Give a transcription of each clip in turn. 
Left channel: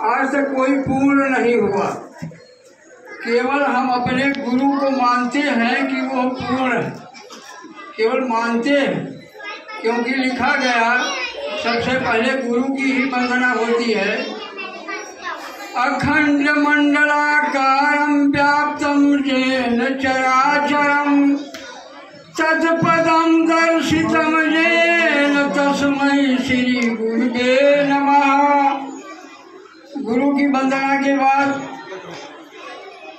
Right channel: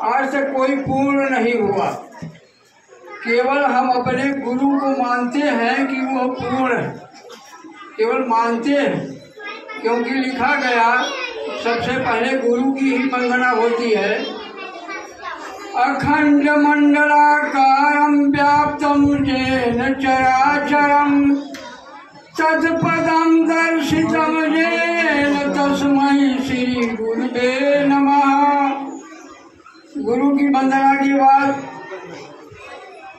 आज तक कोई पूर्ण नहीं हुआ। केवल हम अपने गुरु को मानते हैं कि वो पूर्ण है, केवल मानते हैं, क्योंकि लिखा गया सबसे पहले गुरु की ही वंदना होती है। अखंड मंडलाकारं व्याप्तं येन चराचरं तत्पदं दर्शितं येन तस्मै श्री गुरुवे नमः। गुरु की वंदना के बाद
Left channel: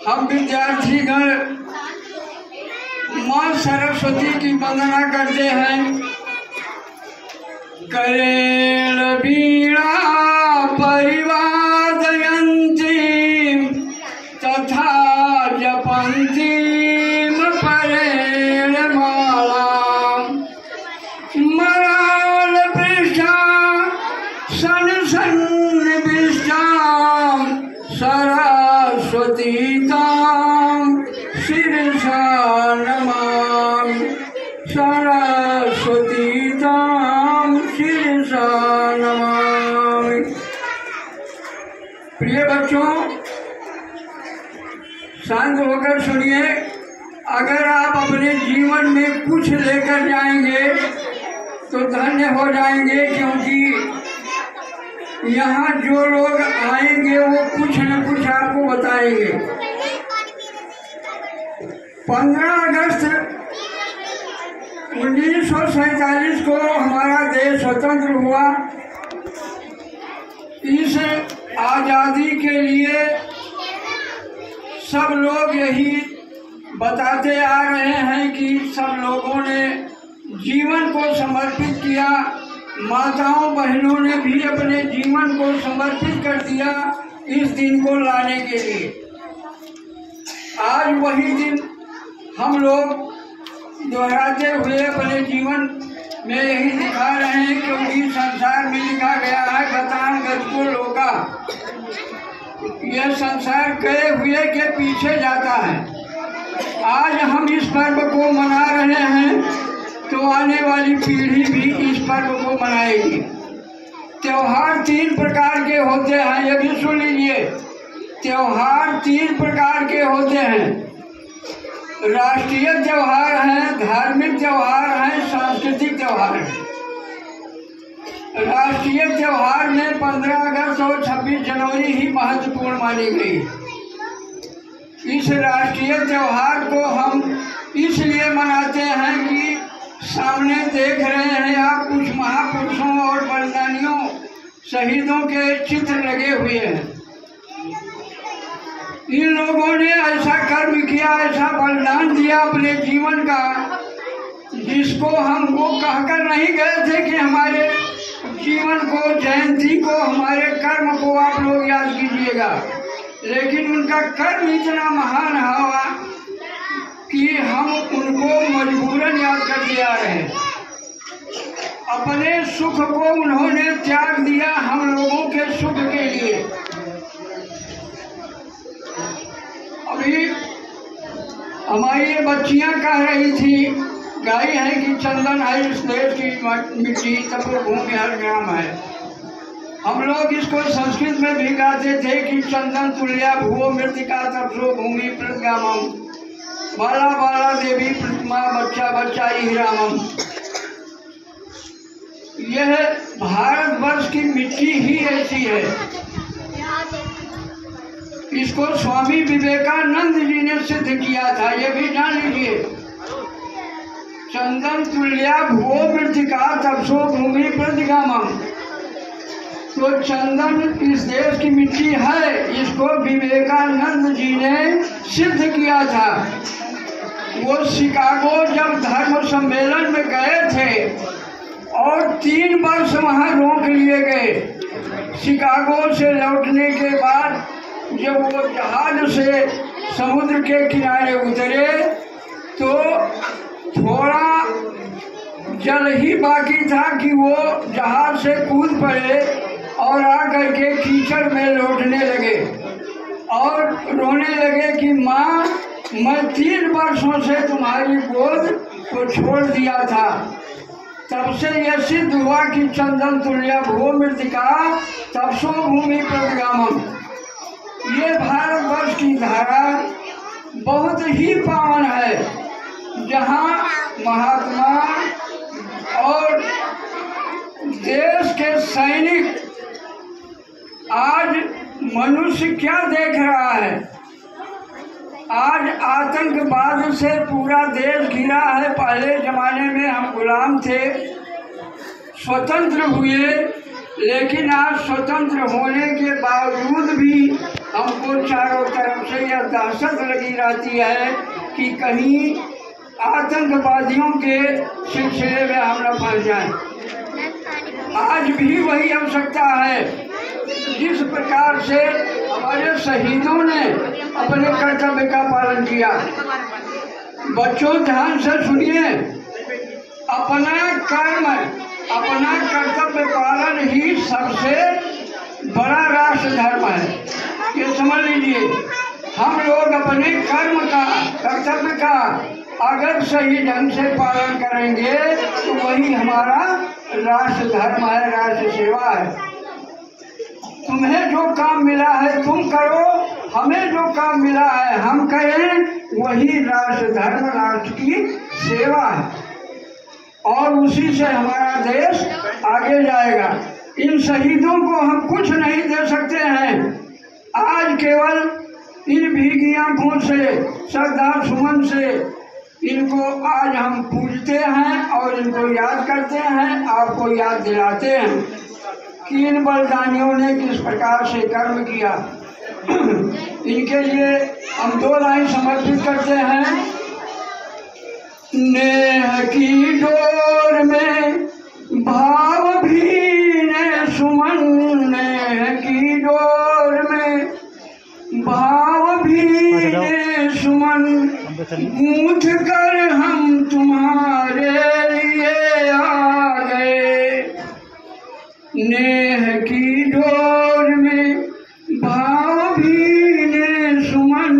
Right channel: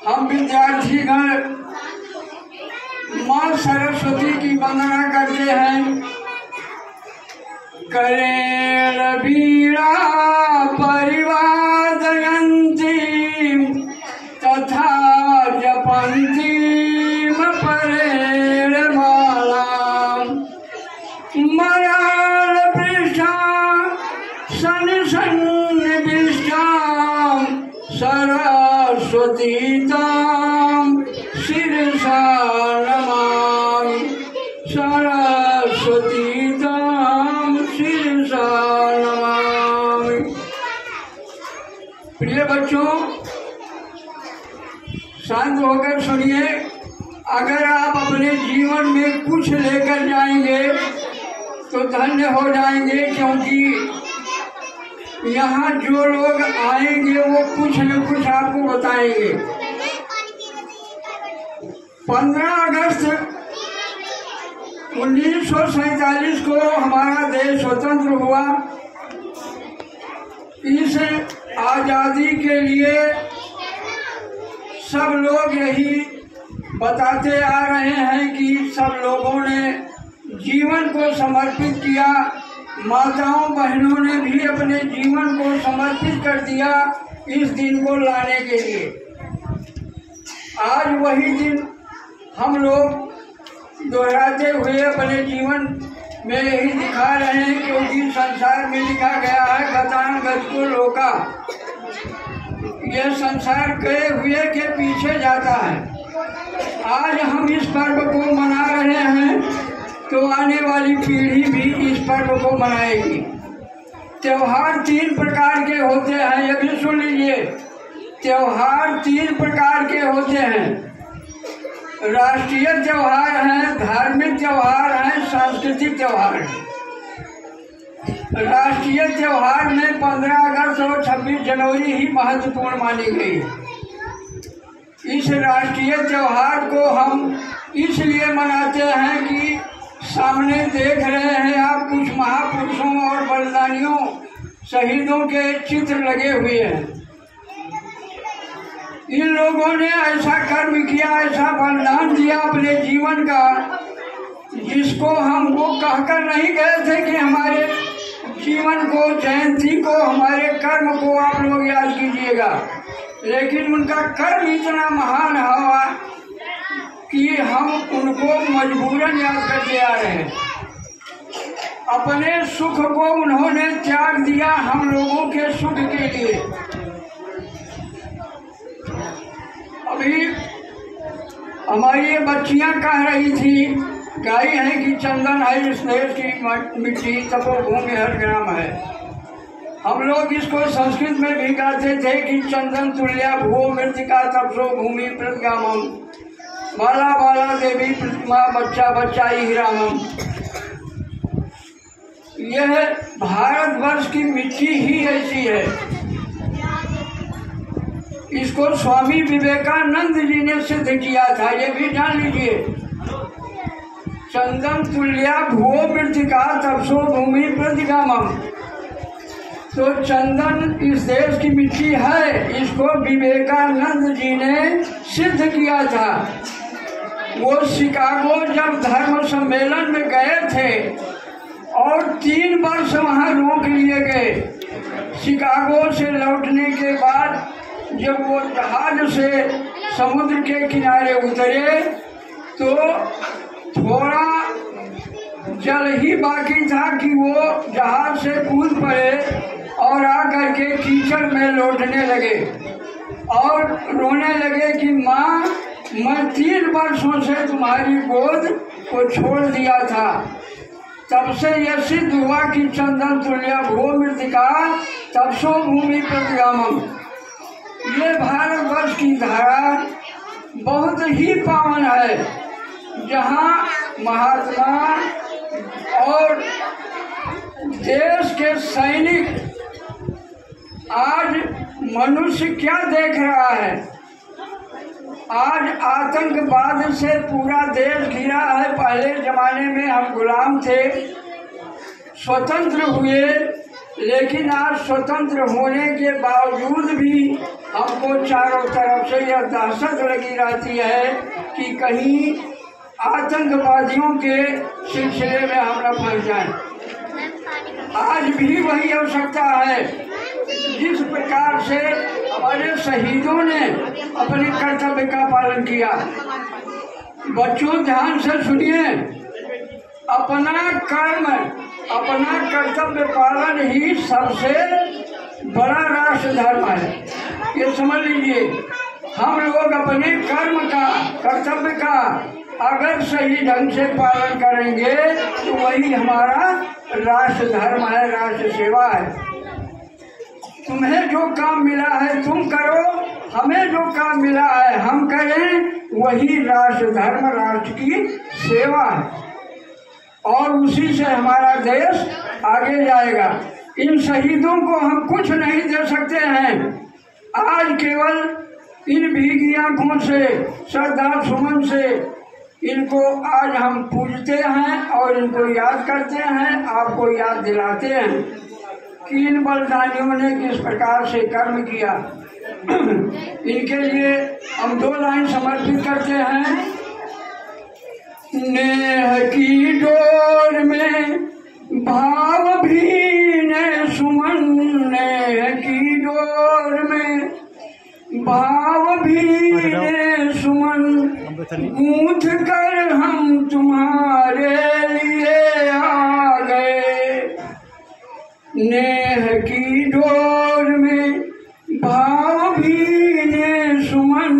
हम विद्यार्थीगण माँ सरस्वती की वंदना करते हैं। करेण वीणा परिवादयन्ती तथा जपन्तीं परेण मालां मरालपृष्ठा सन्निविष्टां सरस्वतीतां शिरसा नमामि। सरस्वतीतां शिरसा नमामि। प्रिय बच्चों, शांत होकर सुनिए। अगर आप अपने जीवन में कुछ लेकर जाएंगे तो धन्य हो जाएंगे, क्योंकि यहाँ जो लोग आएंगे वो कुछ न कुछ आपको बताएंगे। 15 अगस्त 1947 को हमारा देश स्वतंत्र हुआ। इस आज़ादी के लिए सब लोग यही बताते आ रहे हैं कि सब लोगों ने जीवन को समर्पित किया। माताओं बहनों ने भी अपने जीवन को समर्पित कर दिया इस दिन को लाने के लिए। आज वही दिन हम लोग दोहराते हुए अपने जीवन में यही दिखा रहे हैं, क्योंकि संसार में लिखा गया है गतान गतको लोका। यह संसार गए हुए के पीछे जाता है। आज हम इस पर्व को मना रहे हैं तो आने वाली पीढ़ी भी इस पर्व को मनाएगी। त्योहार 3 प्रकार के होते हैं, ये भी सुन लीजिए। त्योहार 3 प्रकार के होते हैं। राष्ट्रीय त्योहार हैं, धार्मिक त्योहार हैं, सांस्कृतिक त्योहार हैं। राष्ट्रीय त्योहार में 15 अगस्त और 26 जनवरी ही महत्वपूर्ण मानी गई। इस राष्ट्रीय त्योहार को हम इसलिए मनाते हैं कि सामने देख रहे हैं आप कुछ महापुरुषों और बलिदानियों शहीदों के चित्र लगे हुए हैं। इन लोगों ने ऐसा कर्म किया, ऐसा बलिदान दिया अपने जीवन का, जिसको हम वो कहकर नहीं गए थे कि हमारे जीवन को, जयंती को, हमारे कर्म को आप लोग याद कीजिएगा। लेकिन उनका कर्म इतना महान हुआ कि हम उनको मजबूरन याद करते आ रहे हैं। अपने सुख को उन्होंने त्याग दिया हम लोगों के सुख के लिए। अभी हमारी ये बच्चियां कह रही थी, गाई है कि चंदन है इस देश की मिट्टी, तपोभूमि हर ग्राम है। हम लोग इसको संस्कृत में भी गाते थे कि चंदन तुल्या भूमि मृतिका तपसो भूमि प्रतिगामम, बाला बाला देवी प्रतिमा बच्चा बच्चा ही रामम। यह भारतवर्ष की मिट्टी ही ऐसी है। इसको स्वामी विवेकानंद जी ने सिद्ध किया था, ये भी जान लीजिए। चंदन तुल्या भूओ मृतिका तपसो भूमि प्रतिगामम। तो चंदन इस देश की मिट्टी है, इसको विवेकानंद जी ने सिद्ध किया था। वो शिकागो जब धर्म सम्मेलन में गए थे और 3 वर्ष वहाँ रोक लिए गए। शिकागो से लौटने के बाद जब वो जहाज से समुद्र के किनारे उतरे तो थोड़ा जल ही बाकी था कि वो जहाज से कूद पड़े और आकर के कीचड़ में लौटने लगे और रोने लगे कि माँ, मैं 3 वर्षों से तुम्हारी गोद को छोड़ दिया था, तब से यह सिद्ध हुआ कि चंदन तुल्य भो मृतिका तपसो भूमि प्रतिगामम। ये भारतवर्ष की धारा बहुत ही पावन है, जहाँ महात्मा और देश के सैनिक, आज मनुष्य क्या देख रहा है? आज आतंकवाद से पूरा देश घिरा है। पहले जमाने में हम गुलाम थे, स्वतंत्र हुए, लेकिन आज स्वतंत्र होने के बावजूद भी हमको चारों तरफ से यह दहशत लगी रहती है कि कहीं आतंकवादियों के सिलसिले में हम न फंस जाएं। आज भी वही आवश्यकता है। जिस प्रकार से हमारे शहीदों ने अपने कर्तव्य का पालन किया, बच्चों ध्यान से सुनिए, अपना कर्म, अपना कर्तव्य पालन ही सबसे बड़ा राष्ट्र धर्म है। ये समझ लीजिए, हम लोग अपने कर्म का, कर्तव्य का अगर सही ढंग से पालन करेंगे तो वही हमारा राष्ट्र धर्म है, राष्ट्र सेवा है। तुम्हें जो काम मिला है तुम करो, हमें जो काम मिला है हम करें, वही राष्ट्र धर्म, राष्ट्र की सेवा है, और उसी से हमारा देश आगे जाएगा। इन शहीदों को हम कुछ नहीं दे सकते हैं। आज केवल इन भीगी आंखों से, श्रद्धा सुमन से इनको आज हम पूजते हैं और इनको याद करते हैं, आपको याद दिलाते हैं कि इन बलिदानियों ने किस प्रकार से कर्म किया। इनके लिए हम 2 लाइन समर्पित करते हैं। नेह की डोर में भाव भीने सुमन, नेह की डोर में भाव भीने सुमन, गूंथ कर हम तुम्हारे लिए आ गए। नेह की डोर में भाव भीने सुमन,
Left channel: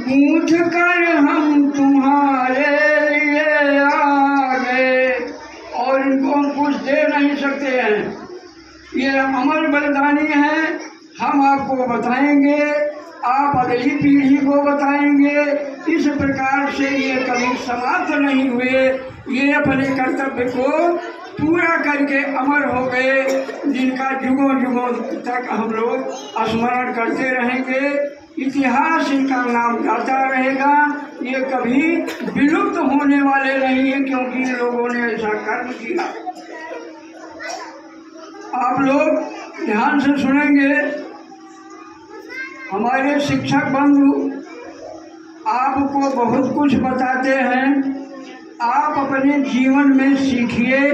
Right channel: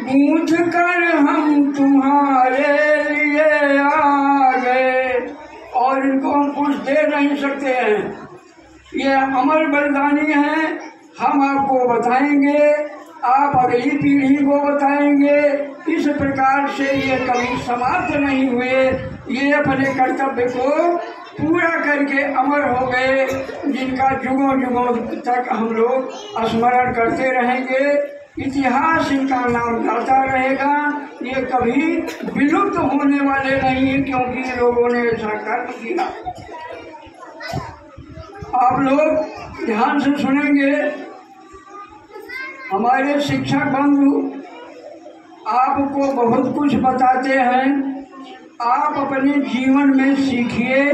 गूंथ कर हम तुम्हारे लिए आ गए। और इनको हम कुछ दे नहीं सकते हैं, ये अमर बलिदानी है। हम आपको बताएंगे, आप अगली पीढ़ी को बताएंगे। इस प्रकार से ये कभी समाप्त नहीं हुए, ये अपने कर्तव्य को पूरा करके अमर हो गए, जिनका युगों युगों तक हम लोग स्मरण करते रहेंगे। इतिहास इनका नाम गाता रहेगा, ये कभी विलुप्त होने वाले नहीं है, क्योंकि ये लोगों ने ऐसा कर्म किया। आप लोग ध्यान से सुनेंगे। हमारे शिक्षक बंधु आपको बहुत कुछ बताते हैं, आप अपने जीवन में सीखिए।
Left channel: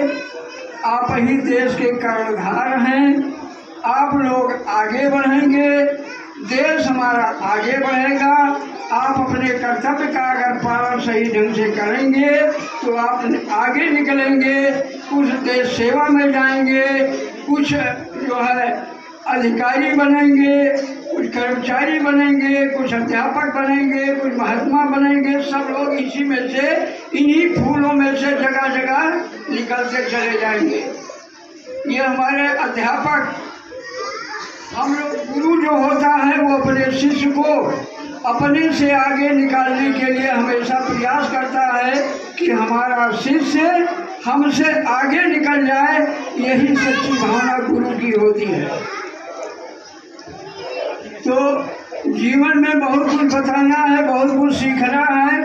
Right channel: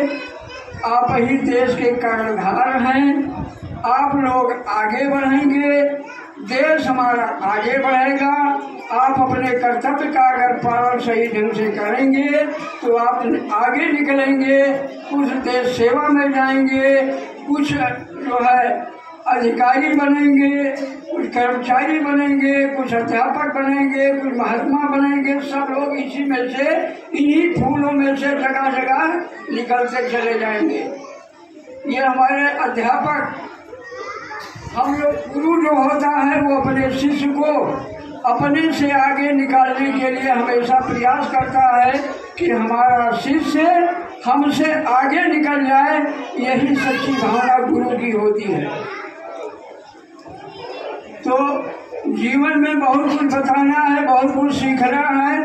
आप ही देश के कर्णधार हैं। आप लोग आगे बढ़ेंगे, देश हमारा आगे बढ़ेगा। आप अपने कर्तव्य का अगर पालन सही ढंग से करेंगे तो आप आगे निकलेंगे, कुछ देश सेवा में जाएंगे, कुछ जो है अधिकारी बनेंगे, कुछ कर्मचारी बनेंगे, कुछ अध्यापक बनेंगे, कुछ महात्मा बनेंगे। सब लोग इसी में से, इन्हीं फूलों में से जगह जगह निकलते चले जाएंगे। ये हमारे अध्यापक, हम लोग, गुरु जो होता है वो अपने शिष्य को अपने से आगे निकालने के लिए हमेशा प्रयास करता है कि हमारा शिष्य हमसे आगे निकल जाए। यही सच्ची भावना गुरु की होती है। तो जीवन में बहुत कुछ बताना है, बहुत कुछ सीखना है।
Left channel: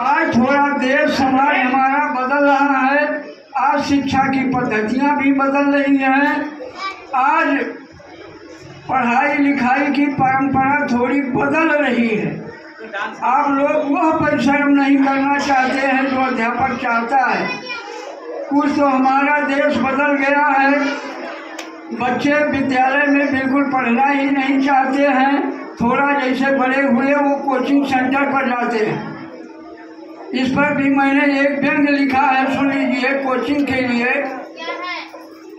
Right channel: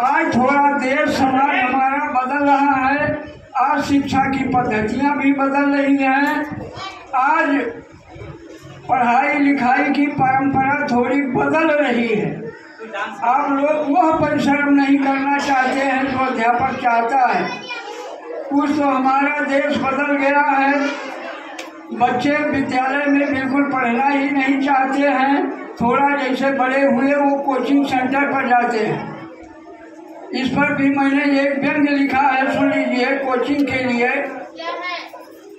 आज थोड़ा देश समाज हमारा बदल रहा है, आज शिक्षा की पद्धतियाँ भी बदल रही हैं, आज पढ़ाई लिखाई की परंपरा थोड़ी बदल रही है। आप लोग वह परिश्रम नहीं करना चाहते हैं जो अध्यापक चाहता है। कुछ तो हमारा देश बदल गया है, बच्चे विद्यालय में बिल्कुल पढ़ना ही नहीं चाहते हैं। थोड़ा जैसे बड़े हुए वो कोचिंग सेंटर पर जाते हैं। इस पर भी मैंने एक व्यंग्य लिखा है, सुन लीजिए। कोचिंग के लिए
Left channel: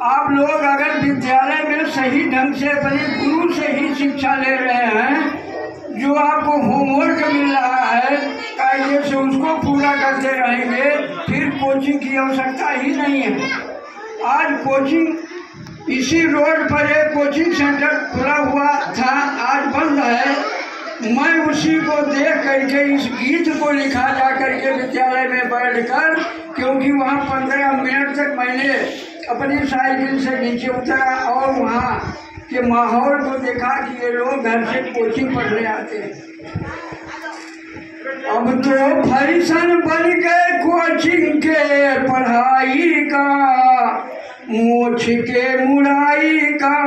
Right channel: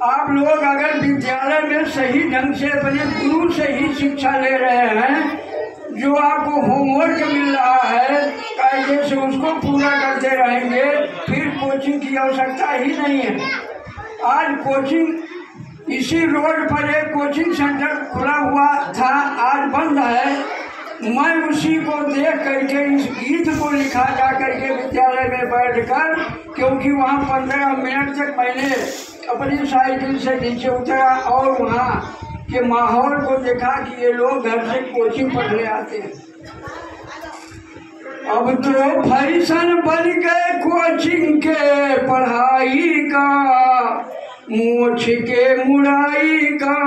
आप लोग अगर विद्यालय में सही ढंग से अपने गुरु से ही शिक्षा ले रहे हैं, जो आपको होमवर्क मिल रहा है कायदे से उसको पूरा करते रहेंगे, फिर कोचिंग कोचिंग की आवश्यकता ही नहीं है। आज कोचिंग इसी रोड पर एक कोचिंग सेंटर खुला हुआ था, आज बंद है। मैं उसी को देख करके इस गीत को लिखा जा करके विद्यालय में बैठकर, क्योंकि वहाँ 15 मिनट तक मैंने अपनी साइकिल से नीचे उतरा और वहाँ के माहौल को देखा कि ये लोग घर से कोचिंग पढ़ने आते हैं। अब तो फैशन बन गए कोचिंग के पढ़ाई का, मोछ के मुड़ाई का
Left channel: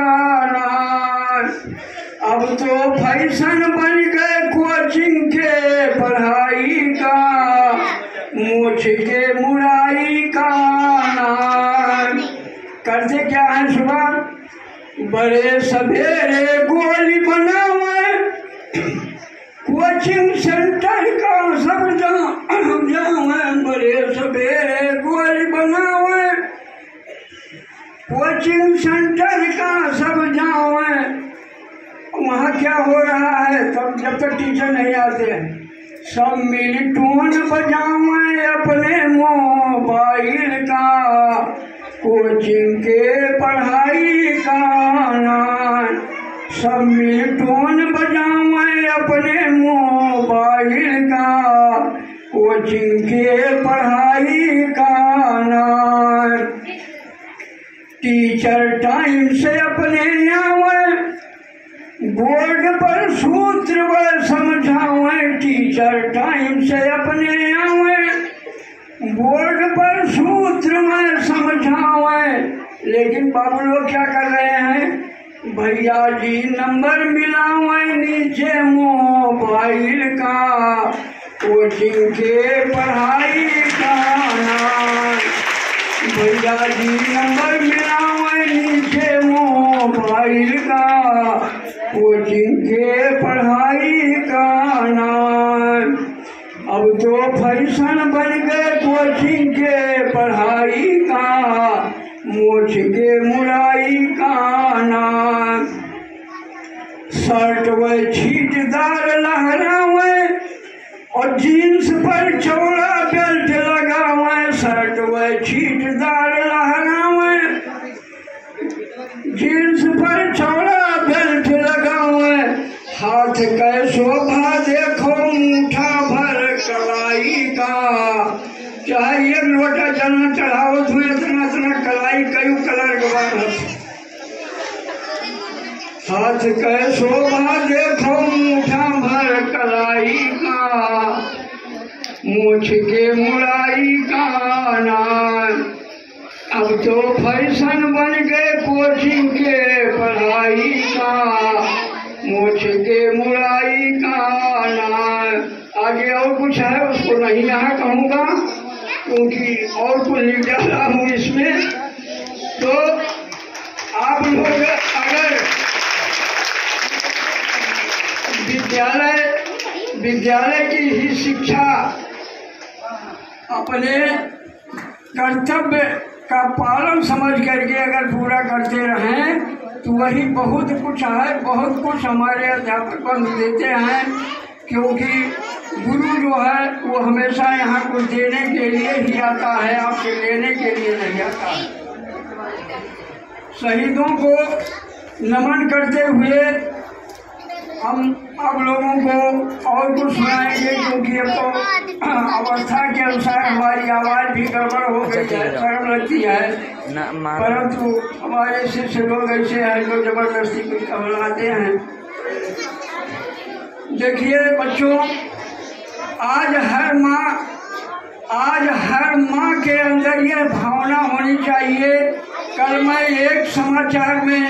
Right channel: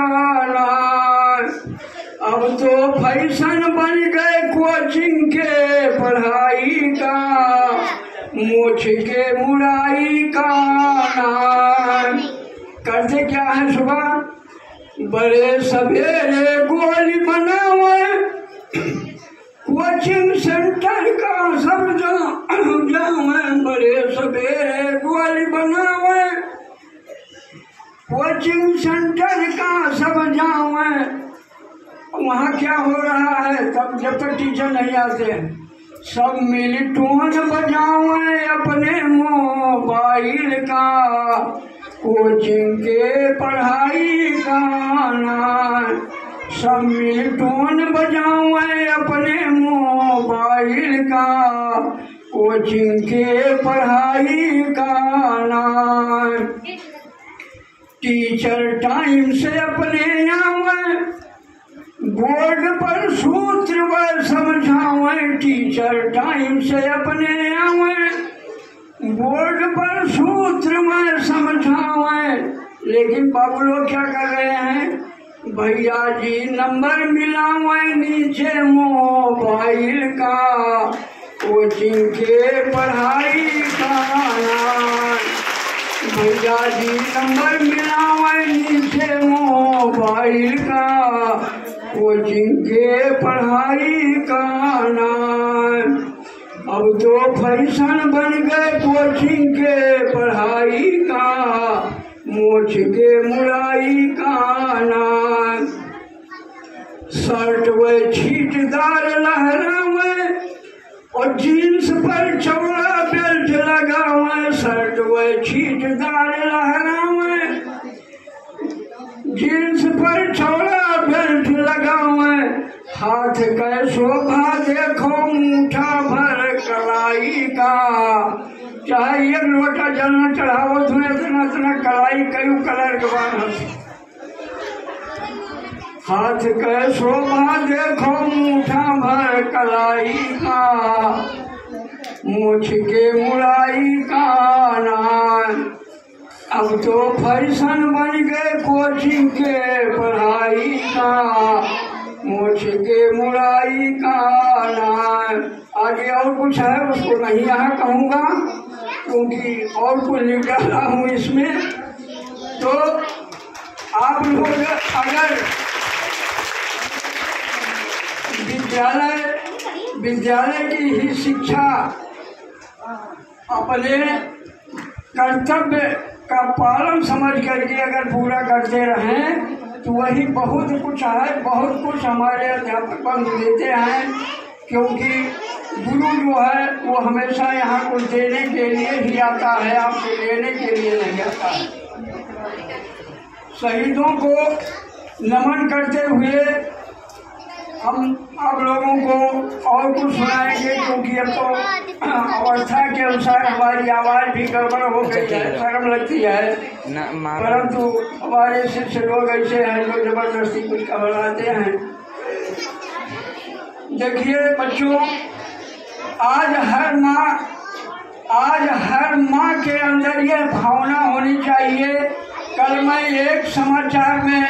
नाम। अब तो फैशन बन गए कोचिंग के पढ़ाई का, मोछ के मुड़ाई का नाम। करते क्या है सुबह बड़े सवेरे गोली बनावे, कोचिंग सेंटर का सब जावे। बड़े सवेरे गोली बनावे, कोचिंग सेंटर का सब जावे। वहाँ क्या हो रहा है तब जब तक टीचर नहीं आते हैं, सब मिल टोन बजावे अपने मोबाइल का, कोचिंग के पढ़ाई का नाम। सब मिल टोन बजावे अपने मोबाइल का, कोचिंग के पढ़ाई का नाम। टीचर टाइम से अपने आवे, बोर्ड पर सूत्र व समझावे। टीचर टाइम से अपने आवे, बोर्ड पर सूत्र में समझावे। लेकिन बाबू लोग क्या कर रहे हैं, भैया जी नंबर मिलावे नीचे मोबाइल का, कोचिंग के पढ़ाई का नाम। भैया जी नंबर मिलावे नीचे मोबाइल का, कोचिंग के पढ़ाई का नाम। अब तो फैशन बन गए कोचिंग के पढ़ाई का, मोछ के मुड़ाई का नाम। शर्ट व छीटदार लहरावे और जीन्स पर चौड़ा बेल्ट लगावे। शर्ट व छीटदार लहरावे, जीन्स पर चौड़ा बेल्ट लगावे। हाथ का शोभा देखो मुठा भर कलाई का, चाहे एक लोटा जल चढ़ाओ तुम्हें इतना इतना कलाई कई कलर के बाद। हाथ का शोभा देखो मुठा भर कलाई का, मूछ के मुड़ाई का नाम। अब तो फैशन बन गए कोचिंग के पढ़ाई का, मूछ के मुड़ाई का नाम। आगे और कुछ है उसको नहीं यहाँ कहूँगा क्योंकि और कुछ लिख डाला हूँ इसमें। तो आप लोग अगर विद्यालय की ही शिक्षा अपने कर्तव्य का पालन समझ करके अगर पूरा करते रहें तो वही बहुत कुछ है। बहुत कुछ हमारे अध्यापक बंधु देते हैं, क्योंकि गुरु जो है वो हमेशा यहाँ कुछ देने के लिए ही आता है, आपसे लेने के लिए नहीं आता है। शहीदों को नमन करते हुए हम आप लोगों को और कुछ सुनाएंगे, क्योंकि अब तो अवस्था के अनुसार हमारी आवाज़ भी गड़बड़ हो गई है, शर्म लगती है। परंतु हमारे शिष्य लोग ऐसे हैं जो जबरदस्ती कुछ कहलाते हैं। देखिए बच्चों, आज हर माँ के अंदर ये भावना होनी चाहिए। कल मैं एक समाचार में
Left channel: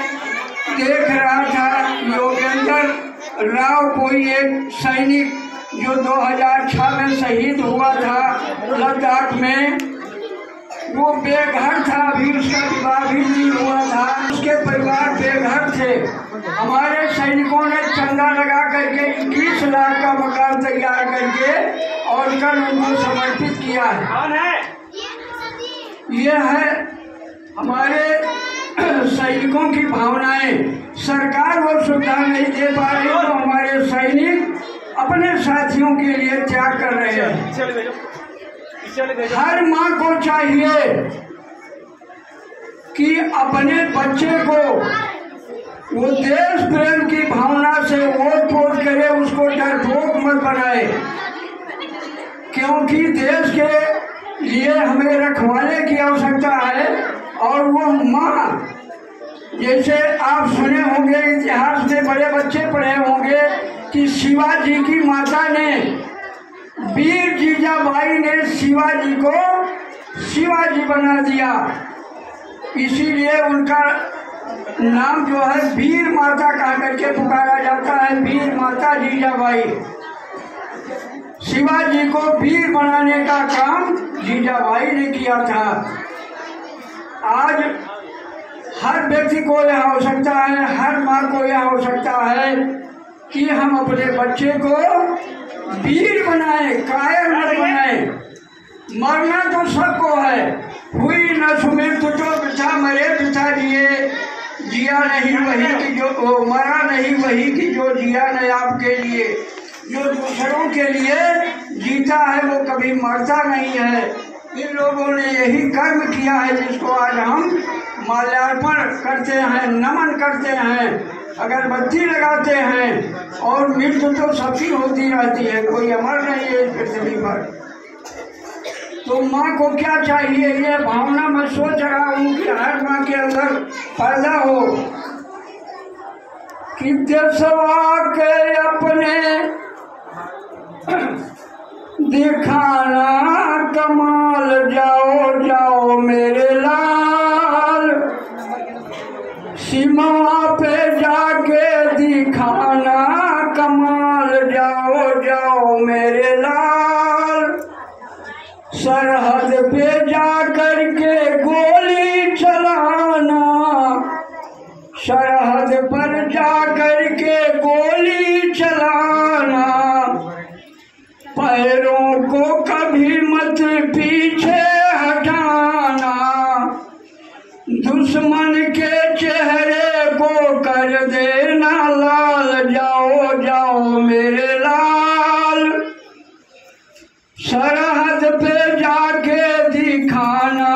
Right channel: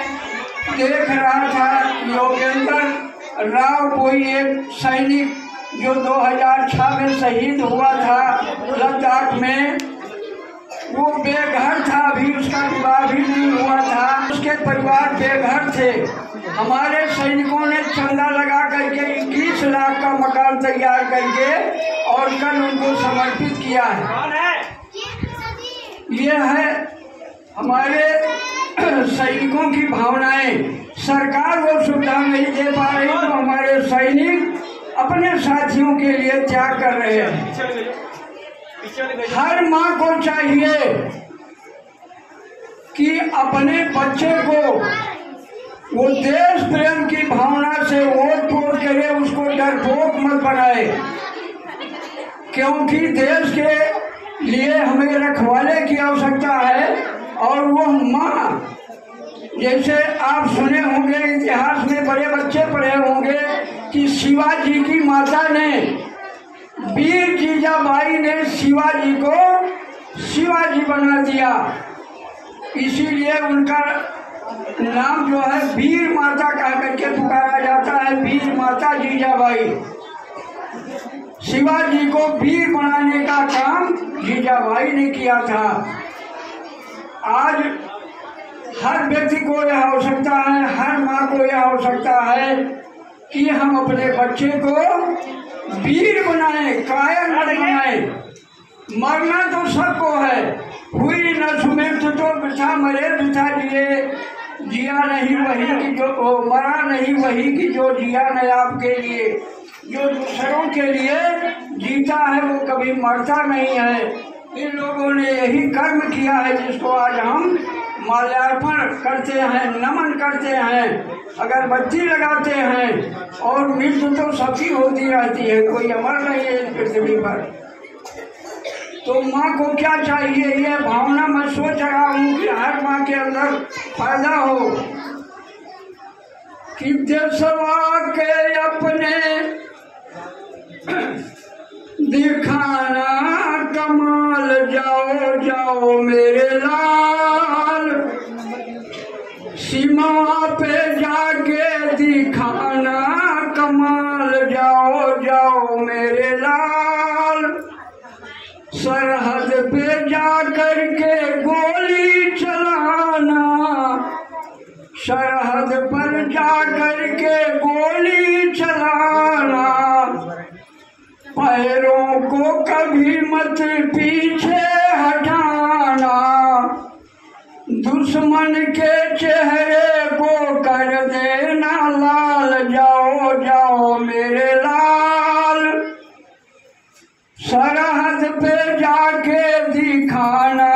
देख रहा था, योगेंद्र राव कोई एक सैनिक जो 2006 में शहीद हुआ था लद्दाख में, वो बेघर था, अभी उसका विवाह भी नहीं हुआ था, उसके परिवार बेघर थे। हमारे सैनिकों ने चंदा लगा करके 21 लाख का मकान तैयार करके और कल उनको समर्पित किया है। ये है हमारे सैनिकों की भावनाएं। सरकार वो सुविधा नहीं दे पा रही तो हमारे सैनिक अपने साथियों के लिए त्याग कर रहे हैं। हर माँ को चाहिए कि अपने बच्चे को वो देश प्रेम की भावना से वोट पोट करे, उसको डरपोक मत बनाए, क्योंकि देश के लिए हमें रखवाले की आवश्यकता है। और वो माँ, जैसे आप सुने होंगे इतिहास में, बड़े बच्चे पढ़े होंगे कि शिवाजी की माता ने, वीर जीजाबाई ने शिवाजी को शिवाजी बना दिया, इसीलिए उनका नाम जो है वीर माता कह करके पुकारा जाता है, वीर माता जीजाबाई। शिवाजी को वीर बनाने का काम जीजाबाई ने किया था। आज हर व्यक्ति को यह आवश्यकता है, हर माँ को यह आवश्यकता है कि हम अपने बच्चे को वीर बनाए, कायर मत बनाए। मरना तो सबको है, हुई न सुमिर तो बिठा मरे बिठा जिए, जिया नहीं वही कि जो मरा नहीं वही कि जो जिया नहीं आपके लिए। जो दूसरों के लिए जीता है वो कभी मरता नहीं है। इन लोगों ने यही कर्म किया है जिसको आज हम माल्यार्पण करते हैं, नमन करते हैं, अगरबत्ती लगाते हैं। और मृत्यु तो सबकी होती रहती है, कोई अमर नहीं है इस पृथ्वी पर। तो माँ को क्या चाहिए, ये भावना मैं सोच रहा हूँ कि हर माँ के अंदर पैदा हो कि देशवा के अपने दिखाना कमाल, जाओ जाओ मेरे लाल, सीमा पे जाके दिखाना कमाल, जाओ जाओ मेरे लाल, सरहद पे जा कर के गोली चलाना, सरहद पर जा कर के गोली चलाना, पैरों को कभी मत पीछे हटाना, दुश्मन के चेहरे को कर देना लाल, जाओ जाओ मेरे लाल, सरहद पे जाके दिखाना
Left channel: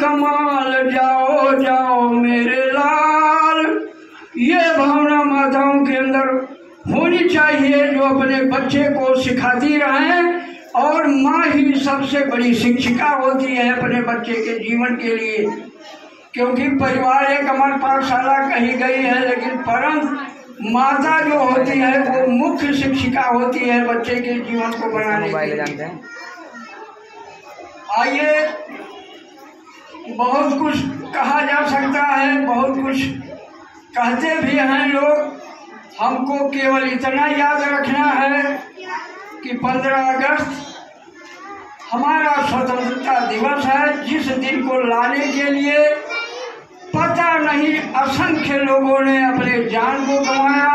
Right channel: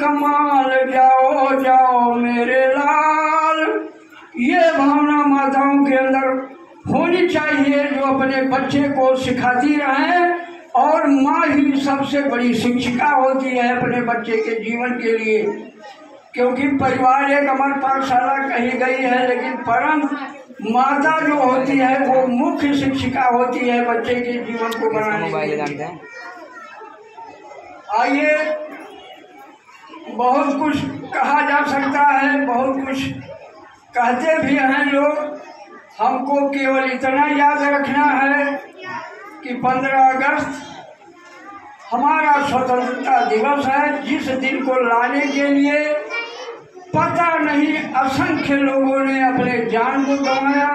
कमाल, जाओ जाओ मेरे लाल। ये भावना माताओं के अंदर होनी चाहिए, जो अपने बच्चे को सिखाती रहें। और माँ ही सबसे बड़ी शिक्षिका होती है अपने बच्चे के जीवन के लिए, क्योंकि परिवार एक अमर पाठशाला कही गई है, लेकिन परंतु माता जो होती है वो मुख्य शिक्षिका होती है बच्चे के जीवन को बनाने के लिए। आइए, बहुत कुछ कहा जा सकता है, बहुत कुछ कहते भी हैं लोग। हमको केवल इतना याद रखना है कि 15 अगस्त हमारा स्वतंत्रता दिवस है, जिस दिन को लाने के लिए पता नहीं असंख्य लोगों ने अपने जान को गंवाया,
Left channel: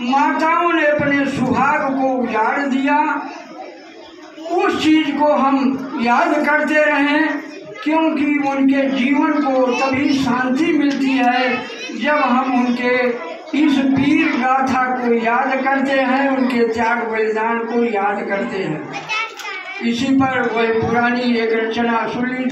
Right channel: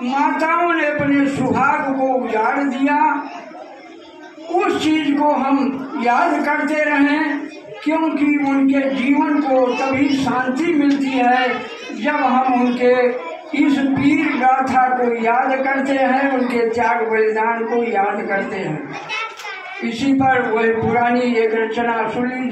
माताओं ने अपने सुहाग को उजाड़ दिया। उस चीज को हम याद करते रहें, क्योंकि उनके जीवन को तभी शांति मिलती है जब हम उनके इस वीर गाथा को याद करते हैं, उनके त्याग बलिदान को याद करते हैं। इसी पर वह पुरानी एक रचना सुन लीजिए।